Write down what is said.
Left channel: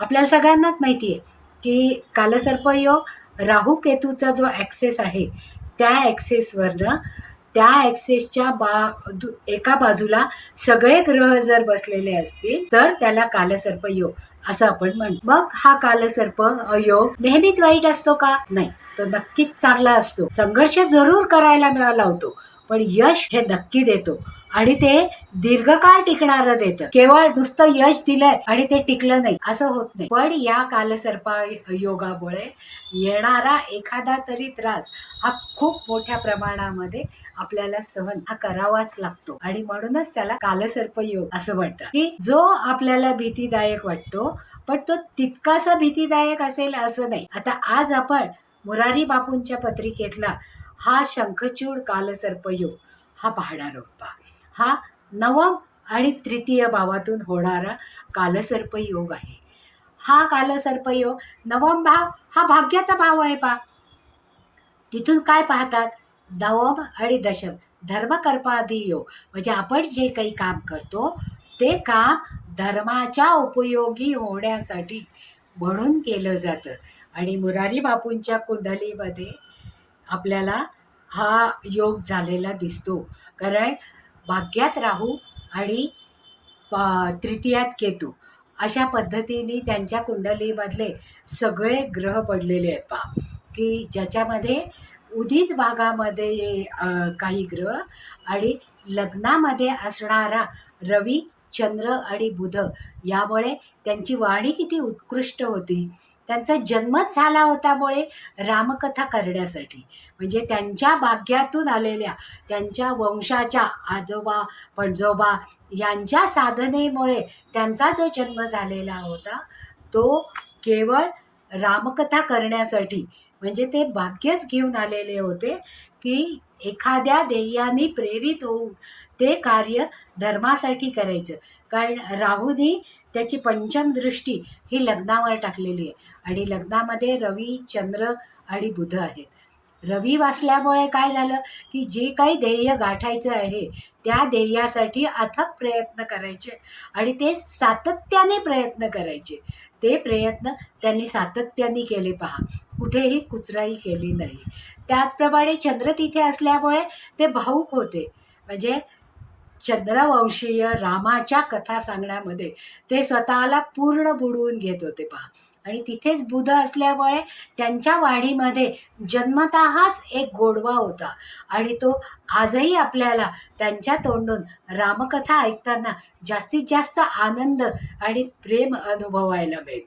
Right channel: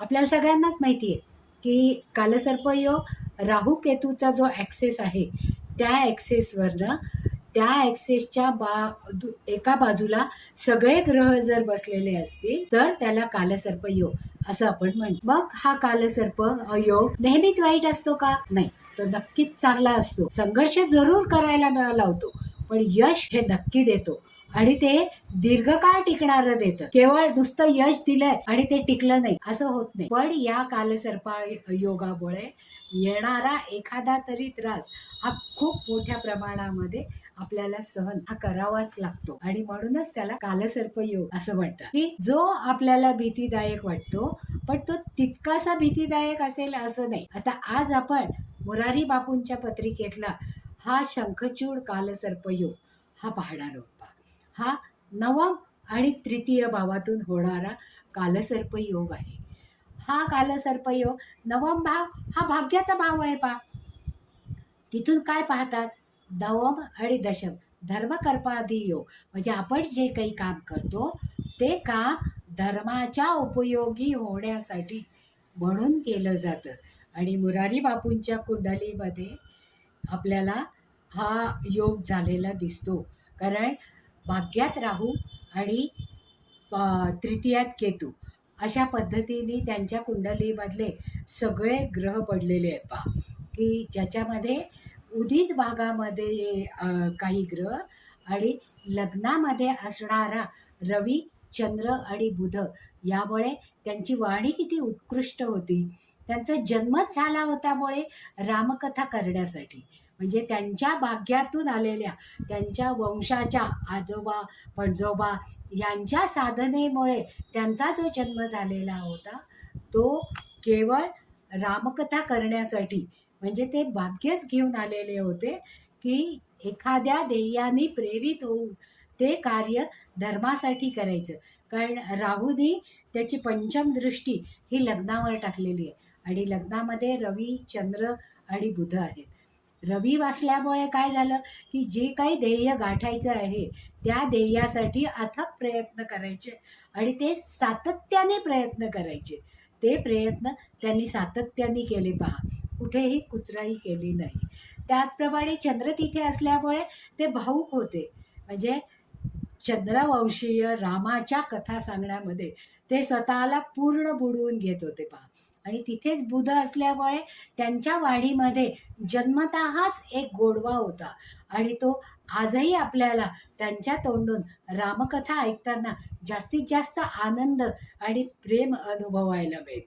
आपल्याला सगळ्यांनाच माहिती आहे की कालसर्पयोग राहू केतूचा जो ॲक्सेस आहे त्या ॲक्सेसवरनं त्या ॲक्सेसच्या बा एका बाजूला सगळे ग्रह जर बसलेले असतील तर त्याला कालसर्प योग असं आपण म्हणतो. मग हा कालसर्प योग नेहमीच वाईट असतो का? नाही. तो नक्कीच चांगला असतो. संघर्ष जरूर करायला मिळाला होतो. पण यश हे नक्की देतो. आणि ते दीर्घकाळ टिकणारं देतं. केवळ नुसतं यश दिलंय आणि ते टिकलं नाही असं होत नाही. पण या कालसर्पा योगामुळे येणारा एखादा तरी त्रास हा खूप मोठ्या प्रमाणामध्ये आपल्याला सहन हा करावाच लागतो. आणि म्हणूनच त्याला कालसर्प योग असं म्हणतात. की जो आपल्याला भीतीदायक वाटतो पण तो तितकासा भीतीदायक असेल असं नाही. आता आज आपण मुरारी बापूंच्या पत्रिकेतला हा शंखचूड कालसर्पयोग हा पाहणार होता हा नवम आणि तृतीय भावातून होणारा कालसर्पयोग आहे. हा कालसर्पयोग नवम भाव हा भाग्याचा भाव आहे पा तिथून काय पाहतात? नवम आणि दशम धर्मकर्पादी योग म्हणजे आपण जे काही काम करतो ते काम धर्माच्या उपयोगी होण्यासाठी म्हणून केलं जातं. आणि मुरारी बापूंच्या कुंडलीमध्ये आपल्याला हा योग झालेला दिसतो. कारण भाग्यात राहू आणि तृतीयात केतू अशा पद्धतीने त्यांच्या कुंडलीमधले सगळे ग्रह पडलेले आहेत पा की ज्याच्यामध्ये उदित भागामध्ये काही ग्रह आणि लग्नामध्ये असणारा रवी चंद्र आणि बुध यामुळे त्यांची वाणी किती उत्कृष्ट होती. त्यांचा जन्मच झाला होतामुळे रामकथा करण्यासाठी. म्हणजे त्यांच्या भाग्यातून आलेल्या त्यांच्या वंशाच्या आजोबा पणजोबा यांच्या साधनेमुळे त्यांचा जो जन्म झालेला होता तो केवळ रामकथा करण्यासाठी म्हणजे ते भाग्यच घेऊन आलेले होते की एखाद्या ध्येयाने प्रेरित होऊन ते कार्य धर्मासाठी करायचं. कारण राहूने त्याची पंचम दृष्टी ही लग्नावर टाकलेली आहे. आणि लग्नामध्ये रवी चंद्र आणि बुध आहेत. रवी वाचल्यामुळे काय झालं की जे काही ध्येय गाठायचं आहे त्या ध्येयासाठी अथक प्रयत्न करायचे आणि ते सातत्याने प्रयत्न करायचे. ते प्रयत्न त्यांनी सातत्याने केले पहा. कुठेही कुचराई केली नाही. त्याचप्रमाणे चंद्र तिथे असल्यामुळे ते भाऊक होते. म्हणजे चंद्रवंशीय रामाच्या कथा सांगण्यामध्ये ते स्वतःला पूर्ण बुडवून घेत होते पहा. आणि तिथेच बुध असल्यामुळे त्यांच्या वाढीमध्ये जन्मतःच एक गोडवा होता. आणि तो आजही आपल्याला त्यांच्या तोंडून रामकथा ऐकताना जास्तीत जास्त आनंद आणि प्रेम अनुभवायला मिळते.